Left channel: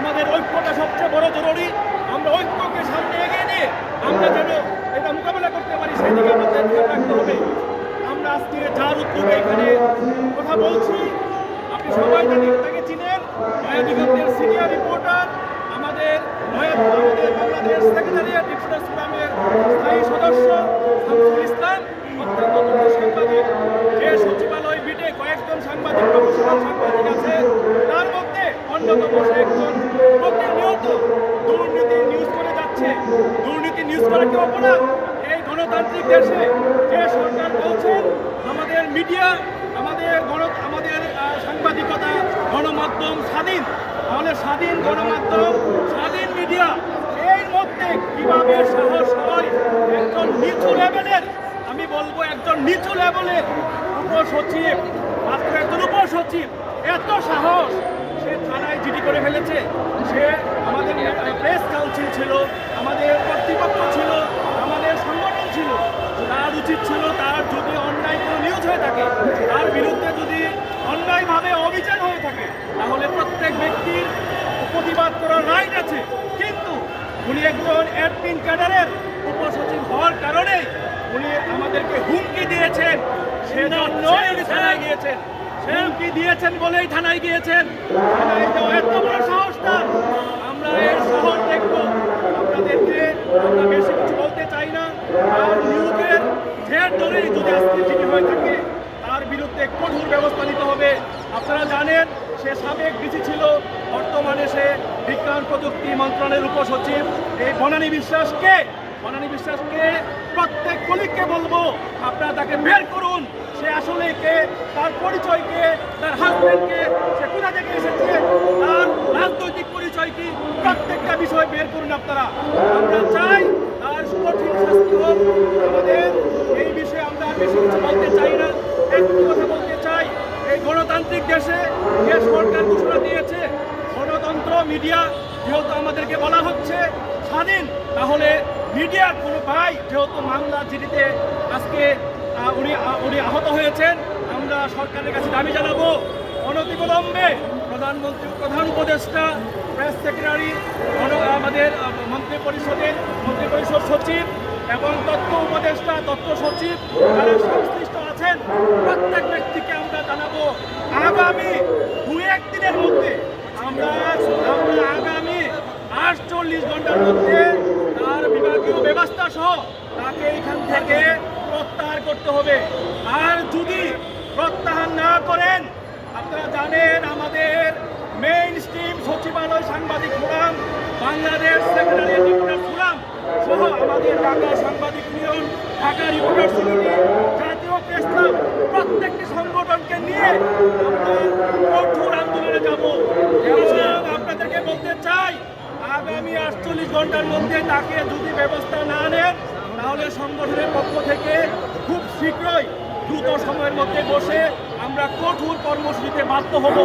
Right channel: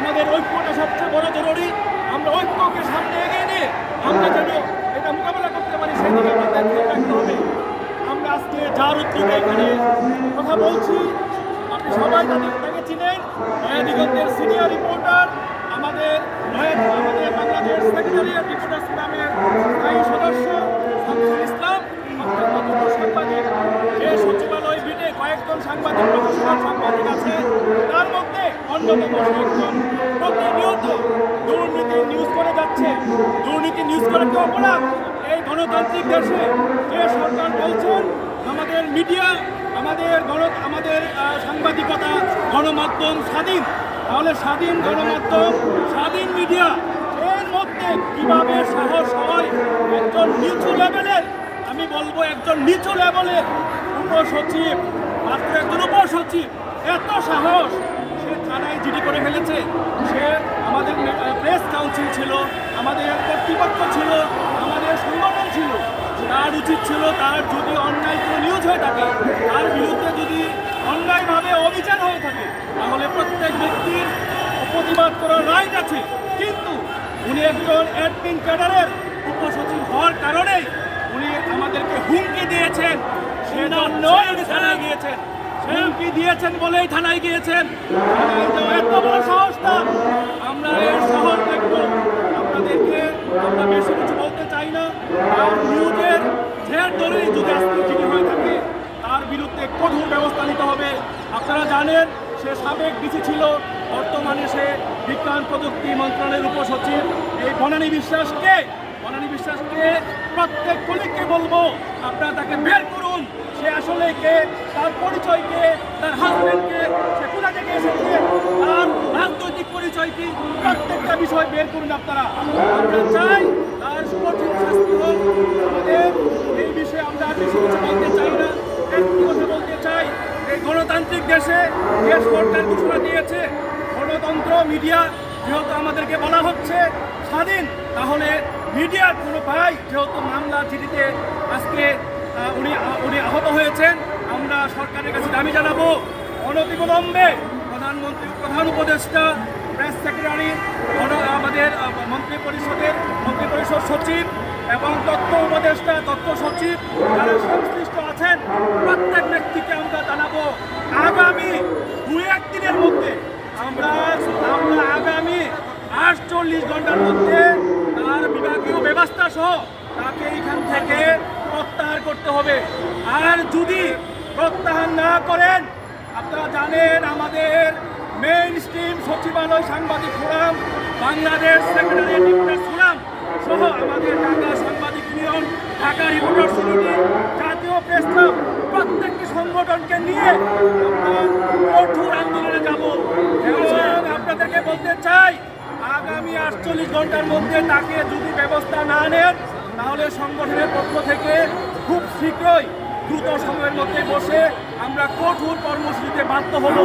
আমাদের ঐক্যটা সবচেয়ে বড় জরুরি। আমরা ঐক্যকে সামনে এগিয়ে নিয়ে আমরা যেন এটা মোকাবেলা করতে পারি, সেই দিকে আমাদের খেয়াল রাখতে হবে। আমরা আজকে যার উদ্যোগে এখানে কথা বলছি, আপনি সবাই তাকে ছিলেন নয়া দিগন্তের সিনিয়র রিপোর্টার, আমাদের আমাদের বাংলাদেশ সেক্রেটারিয়েট রিপোর্টার্স ফোরামের স্থায়ী সদস্য শামসুল ইসলাম। অত্যন্ত তরুণ সাংবাদিক। যে সচিবালয় বিটে কয়েকজন সাংবাদিক, প্রফেশনাল সাংবাদিক আছে, তার মধ্যে অন্যতম সে একজন। প্রতিনিয়ত দুর্নীতি নিউজ করে যাচ্ছে। দুর্নীতি নিউজ করে কি অপরাধ? এই গণতান্ত্রিক দেশে যে সরকার বলছেন, আমাদের মিডিয়া আমাদের গণ, আমাদের সাংবাদিকতা গণমাধ্যম স্বাধীন। তাহলে স্বাধীন গণমাধ্যম, স্বাধীন মিডিয়া এর মধ্যে কীভাবে সাহস হয়? একজন নিচু লেভেলের আমি বলব একজন নিচু লেভেলের উপসচিব, মাত্র একজন উপসচিব। এত সাহস সে থানায় জিডি করে ফেলেছে। সে আমাদের প্রেস কাউন্সিল ছিল, আমাদের কর্তৃপক্ষ ছিল, আমাদের সংগঠন ছিল। তার উচিত ছিল তার যদি অন্যায় কোনো নিউজ হয়ে থাকে, তার বিরুদ্ধে যদি অন্যায়ভাবে অবিচার হয়ে থাকে, তাহলে প্রত্যেক ব্যক্তির প্রতিবাদ করার রাইট আছে। কিন্তু উনি একজন অ্যাডমিন ক্যাডারের উপসচিব হওয়ার কারণেই উনি আমাদেরকে হুমকি দিয়েছেন। উনি থানায় গিয়েছেন। হুমকি দিয়েছেন বলেই থানায় গিয়েছেন। থানায় যাওয়া এত বড় সাহসটা আমরা এর শহর দেখব। আপনাদেরকে আমরা বেশি কিছু বলতে চাই না। আর নিউজের ঝেড় ধরেই যদি আজকে চিঠি হয়ে থাকে তার বিরুদ্ধে কঠোর ব্যবস্থা নিতে হবে। আপনারা জানেন সে সাবেক ডিসি ছিল। বর্তমানে সে বিজ্ঞান প্রযুক্তি মন্ত্রণালয়ের উপসচিব। এই বনানী বিশ্বাসকে বনানী বিশ্বাসকে প্রত্যেক কলিগকে বলব, আপনারা তাকে বের করুন। সে আসলে কে, তার পরিচয় কে, তার হাজবেন্ডকে সে কোথা থেকে এসেছে, তার রাজনৈতিক পরিচয় কি, প্রত্যেকটা বিষয় বের করুন আপনারা। আমরা চাই তার কঠিন শাস্তি হোক। আমাদের এই বিষয়ে আমরা আর বেশি কিছু বলতে চাই না। একটি কথা বলতে চাই, এই গণতান্ত্রিক দেশে যে সরকার ঘোষণা দিয়েছে, গণতন্ত্র, মিডিয়া, যেহেতু আমাদেরকে বলা হচ্ছে স্বাধীন, তাহলে মিডিয়ার কোনো ভাই যেহেতু মামলা চিঠিতে আজকে উনি উনি আহত হয়েছেন, আমরা সরকারের কাছে দাবি জানাব। অনতিবিলম্বে প্রধানমন্ত্রী প্রধান উপদেষ্টা, প্রেস সেক্রেটারি আমাদের মন্ত্রী পরিষদের, মন্ত্রী পরিষদ সচিব এবং তথ্য উপদেষ্টা তথ্য সচিব যারা সংশ্লিষ্ট আছেন, প্রত্যেক ব্যক্তিকে আমরা জানাব। আগামী দু এক দিনের মধ্যে আমরা আমরা আগামী আটচল্লিশ ঘণ্টার মধ্যে বিভাগীয় ব্যবস্থা সহ তাকে এখান থেকে প্রত্যাহার করতে হবে। আর যদি প্রত্যাহার না করেন, আপনারা জানেন আমাদের মেইন স্ট্রিম সচিবালয় সাংবাদিক forum, Bangladesh secretariat reporters forum সহ আমাদের ঢাকা সাংবাদিক ইউনিয়ন, ঢাকা রিপোর্টার্স ইউনিটি জাতীয় প্রেস ক্লাব প্রত্যেকটি সংগঠনকে নিয়ে আমরা কঠোর আন্দোলনে যাব। এবং আপনাদেরকে বলতে চাই আগামী আটচল্লিশ ঘণ্টার মধ্যে তাকে যদি ব্যবস্থা না নেন, তাহলে সংগঠনের পক্ষ থেকে খুব শীঘ্রই দ্রুত সময়ের মধ্যে বসে আমরা কঠোর কর্মসূচিতে বাধ্য হব।